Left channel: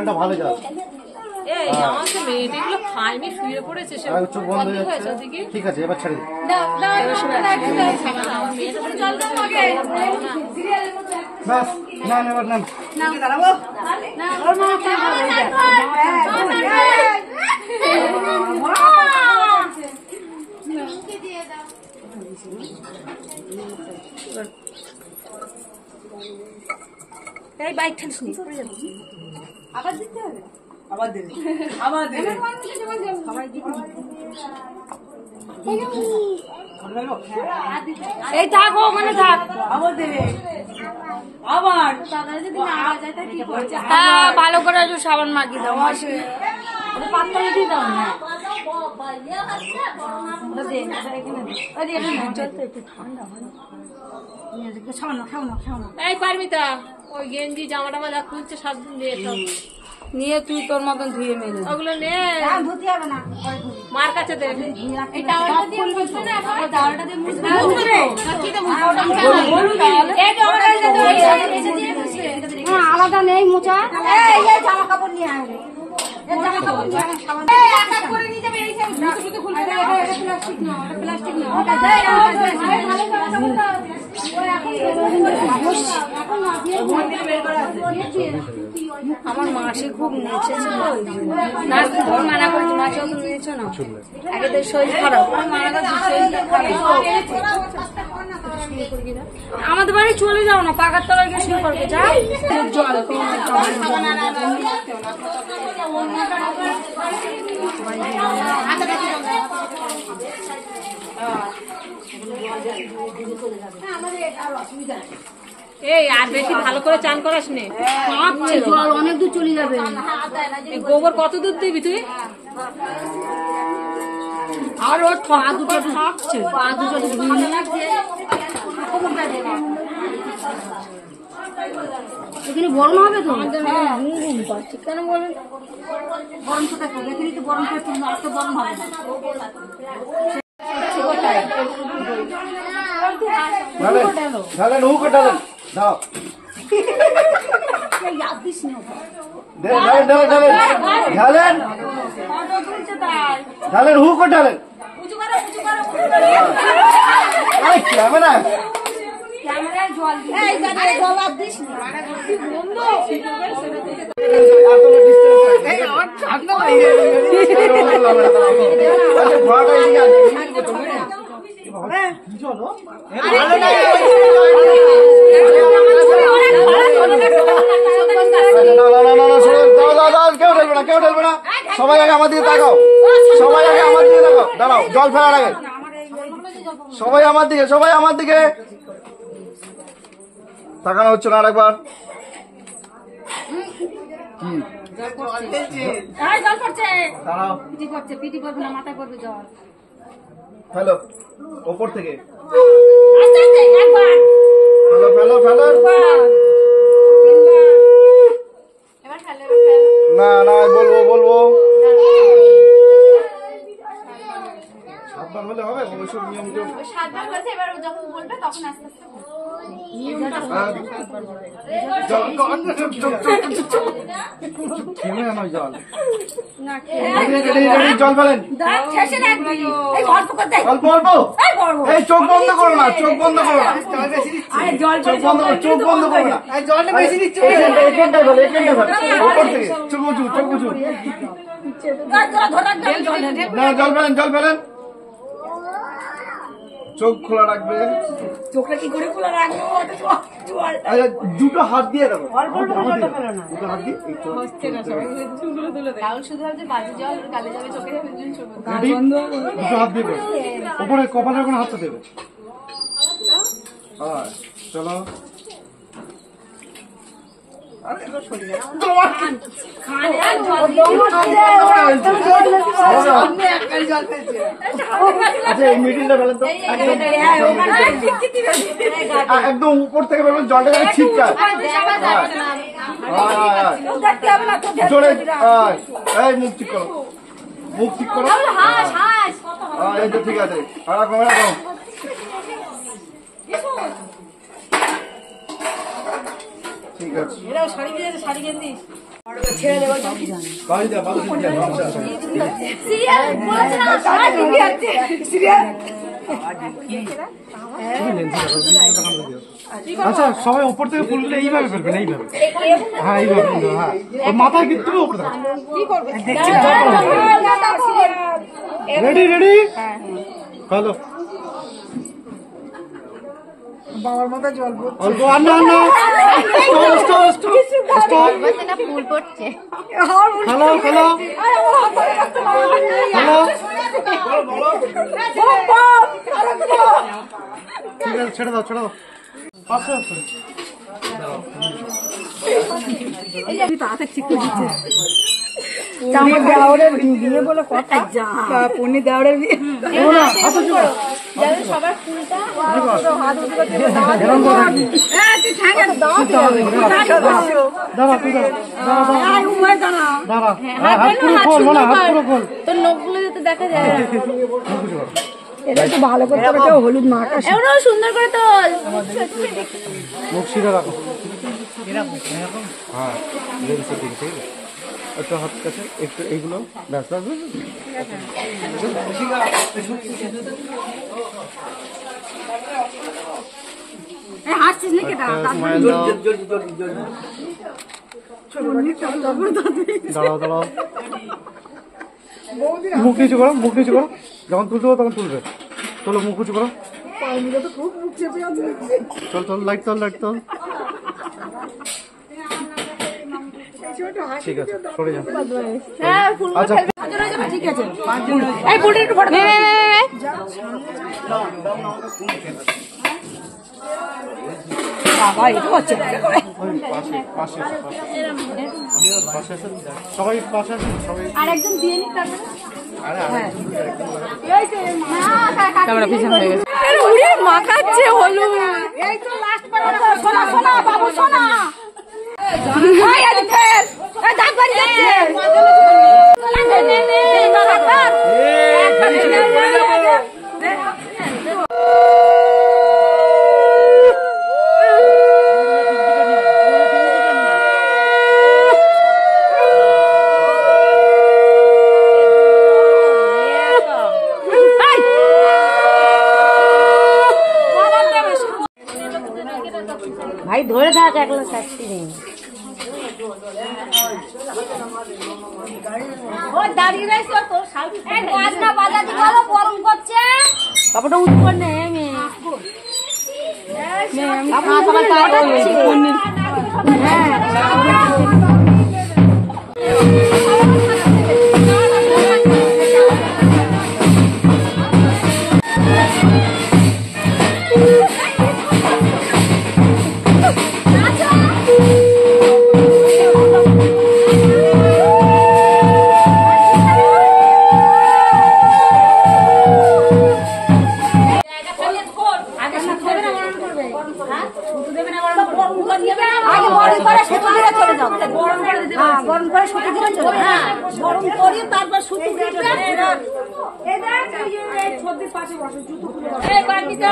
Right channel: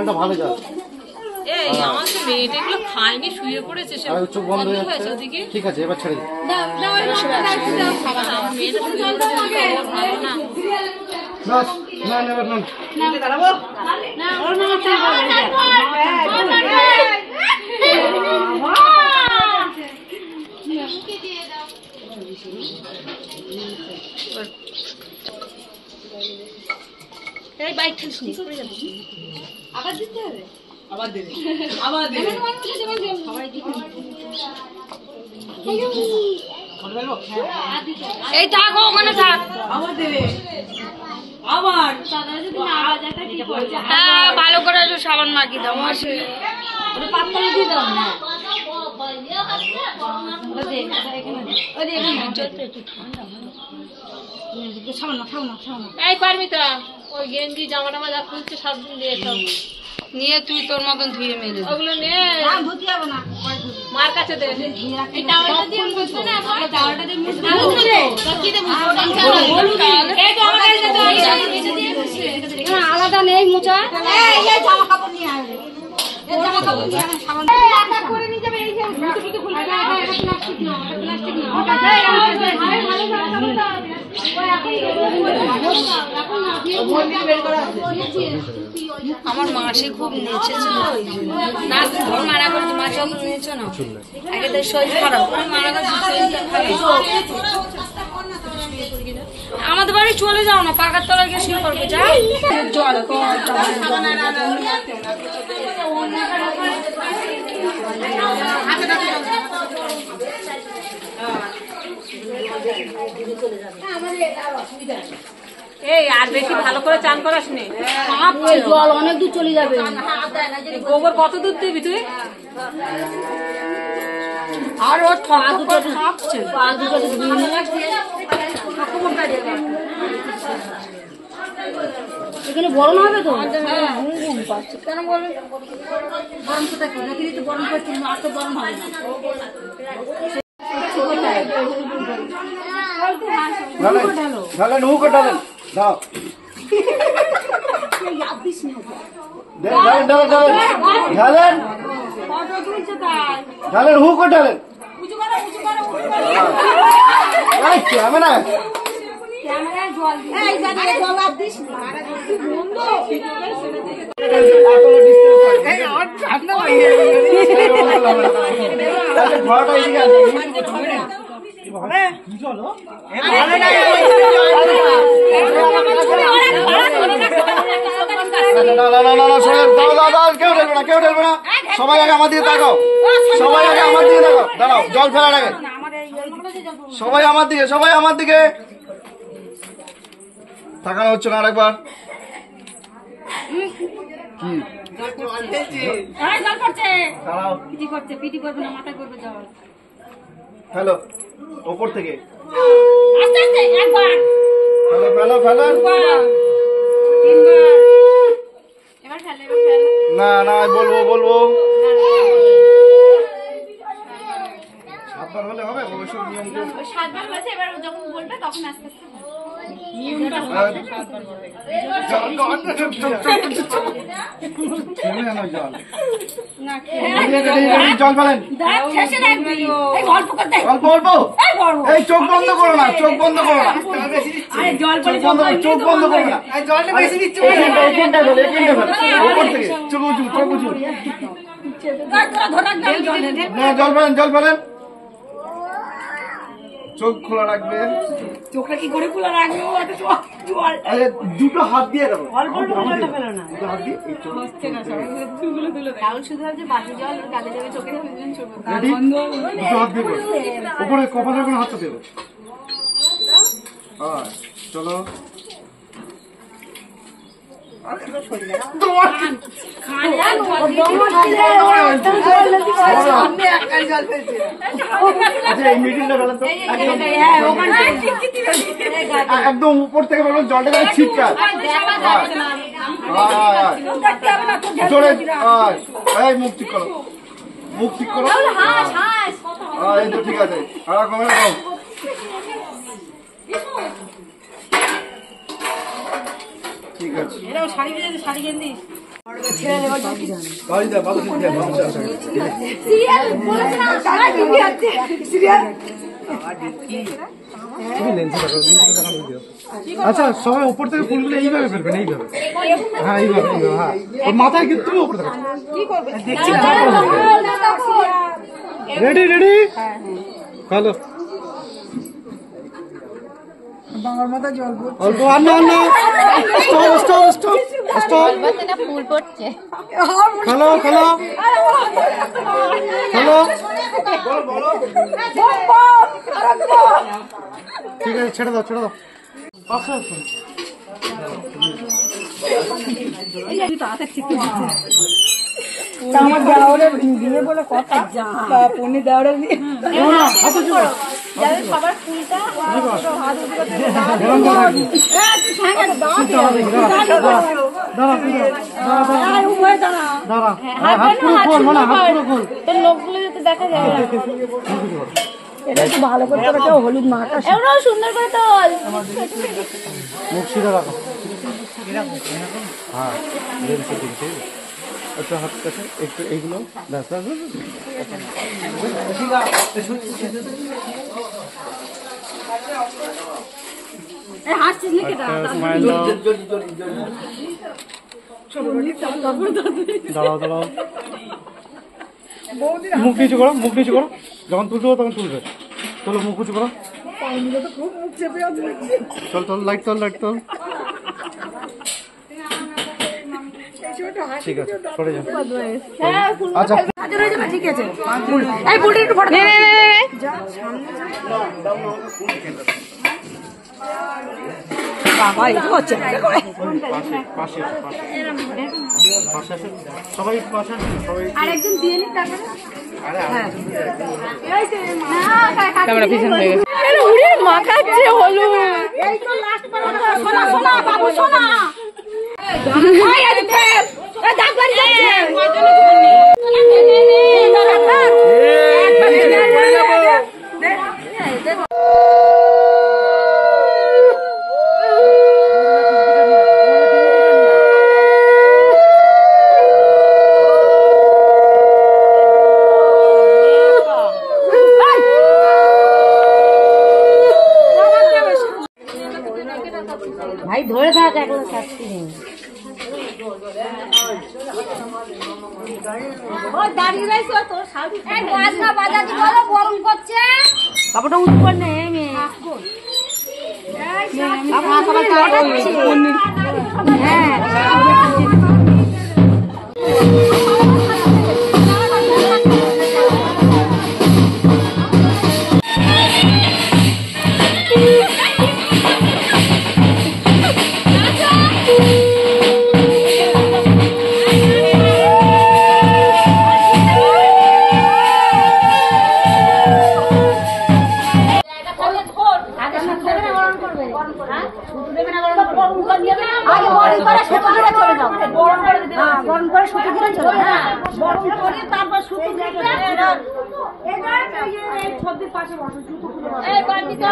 জলটা ভালো জল। আমার তো মেয়েগুলো খায়নি, শুয়ে পড়েছে, চোখ বন্ধ হয়ে যাচ্ছে। ঠিক আছে, এবার ছেড়ে দিই। আমার মেয়েটা শুয়ে পড়েছে, ভালো না। বাস না এবার না বাইক ঠেলিস নি, আবার দিতে হবে, আবার দেবে, আবার দেবে। এই থাক, ওখানে থাক, আবার দেবে, আবার হ্যাঁ ভালো করে একটু সাবান মাখিয়ে দাও। পাত্তা দিয়ে দাও না, এই পারবি তো? ওই গেঞ্জি জামা টামা যা খুলছে সব দিয়ে নিয়ে তুই তোর মতন ধুয়ে মেরে ওগুলো নে, ধুতে হবে না, মার কাছে দেবে। আলাদা নেই মোচা, জামা কাপড় নিয়ে আসবে, আমার মাসি খুব নেচেছে, ঘর মানা করছে, মাসে নিয়েছো না, আগে তো শরীর খারাপ, আমাদের বাড়ি চলে যাও না, পাকার তলায় গিয়ে শুরু করবে, যাই জল এই আর বেশি ভালো করে চান করাস নে, জল অনেক দূর চলে যাবে। গোবর কত দূর দিবি তুই? আর ওর খাচ্ছে, এখানে গরম হবে তো, কেন বলবেন গরম কোথায় দেখে দিচ্ছি, গরম করছি, আর তো গরম হবে না। দাও ঢালেন, হু করে ঢালেন, ক্যামেরা ঠান্ডা কেউ ঢেলবে না, সবাই আগে আমার দিকে তাকাও, সবাই আগে আমার দিকে তাকাও, দাঁড়াও জল ফেলার আগে সবাই আমার দিকে তাকানো হচ্ছে না, আরেকবার হ্যালো ওপর থেকে ফেলো না বলবো সাবধান হলে হবে, অবশ্যই নিয়ম সাবধান হয়েছে, এবার যখন বলবে তখন আস্তে আস্তে জল ফেলেন, অল্প অল্প, এই চোখ বন্ধ করো না, চোখ বন্ধ করো না, ওপর থেকে চোখ উঁচু, জল ফেলেন, চোখ খোলা রাখবে, চোখটা কি করে খোলা রাখবে, দুটো হাত দিয়ে রাখো, দুটো হাত দিয়ে উপরে কপালের কোনো হাতটা দেবে, চলো আচ্ছা এই মিডিলটা ফেলেন তো, একদম উপর থেকে ফেলবেন, জলটা যাবে ছিটকার, জোরে এই মুখ ঠিক করো, এই তো ঠিক আছে, এরকম ঠিক আছে। আচ্ছা সবাই ওপর থেকে ফুলগুলো এইভাবে ফেলবেন, এইভাবে। হ্যাঁ এইভাবে, হ্যাঁ মাথায় কিন্তু ওপর থেকে রেডি রেডি হ্যালো বাবার মাথায় জল পড়ছে। অল্প আন্না আন্না স্টপ স্টপ স্টপ স্টপ ফুল পড়ছে। হ্যালো হ্যালো হ্যালো ঠিক আছে ছেড়ে দাও ছেড়ে দাও পাশে আসুন আমার দেওয়ারের বিয়ে বলে কথা, পনি দেওয়ারের বিয়ে না হাতে ছিল সবার ফুলটা হাত উঠে করতে এরকম কথা কি দাঁড়া তুই দাঁড়া হাত পুরো খোল মানে হাত পুরো খোল তোর নখগুলো যাতে দেখা যায়। এটা একটু ভালো করে কেউ হলুদ মাখা এমন সুন্দর করে তোল। মুখ সিধা রাখো হ্যাঁ লেন্সের দিকে ঠিক আছে আচ্ছা হাত কাছে একটু এইগুলো ব্যাস ব্যাস হাসছিস নাকি? স্মাইল দাও দাঁড়াও দাঁড়াও মুখ নিচু করো মুখ নিচু করো যখন তুলতে হবে তখন তুলবে চলো মুখ উঁচু করো খুব মুখ চেপে আছে। চল চল লাইট চল লাইট চল ঠিক আছে সরে যাও আচ্ছা ঠিক আছে এই ফুলটা একটু ফটো বাবা এটা হচ্ছে পাশে পাশে পাশে সবাই পাশে সবাই আরেকজন দিয়ে নি তারপরে ক্যামেরা পিছন হয়ে গেছে। উড়ে মাখাচ্ছে হলুদ। এই তো লাস্ট পর্যন্ত সোনা সোনা বাবু সোনা এই আজ ফের এই দাগ বাড়ি যাচ্ছে ভাই ধরে থাক একলা শাস্তি নেই। ও দাঁড়িয়ে রইছো তো শাড়ি এই বাজনা বাজাতে বলো গরম করছে কাপড়টা উঠবো না এমে আপনি লটাচ্ছি হ্যাঁ গরম করে শুকিয়ে দিলে চলে গরম করে তারপর শুকিয়ে দিলে এই 26 পাশে বসো জুতো খুলে বসো এই বাড়িতে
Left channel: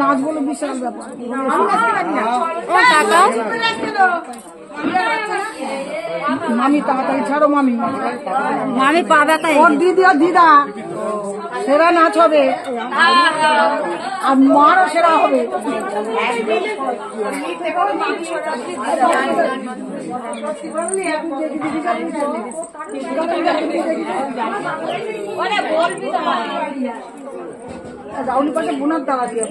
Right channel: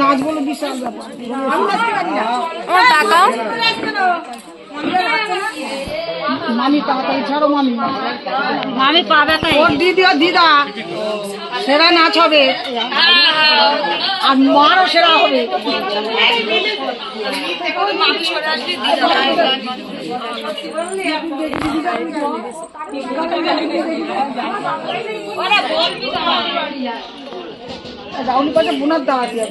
নাচ বলে বিশাল ব্যাপার। টাকা মামি তাড়াতাড়ি ছাড়ো মামি। মামি পাবে ওর দিদি আর দিদা সেরা নাচ হবে আর মারও সেরা হবে। বলবি বোনার দাওয়া দিয়ে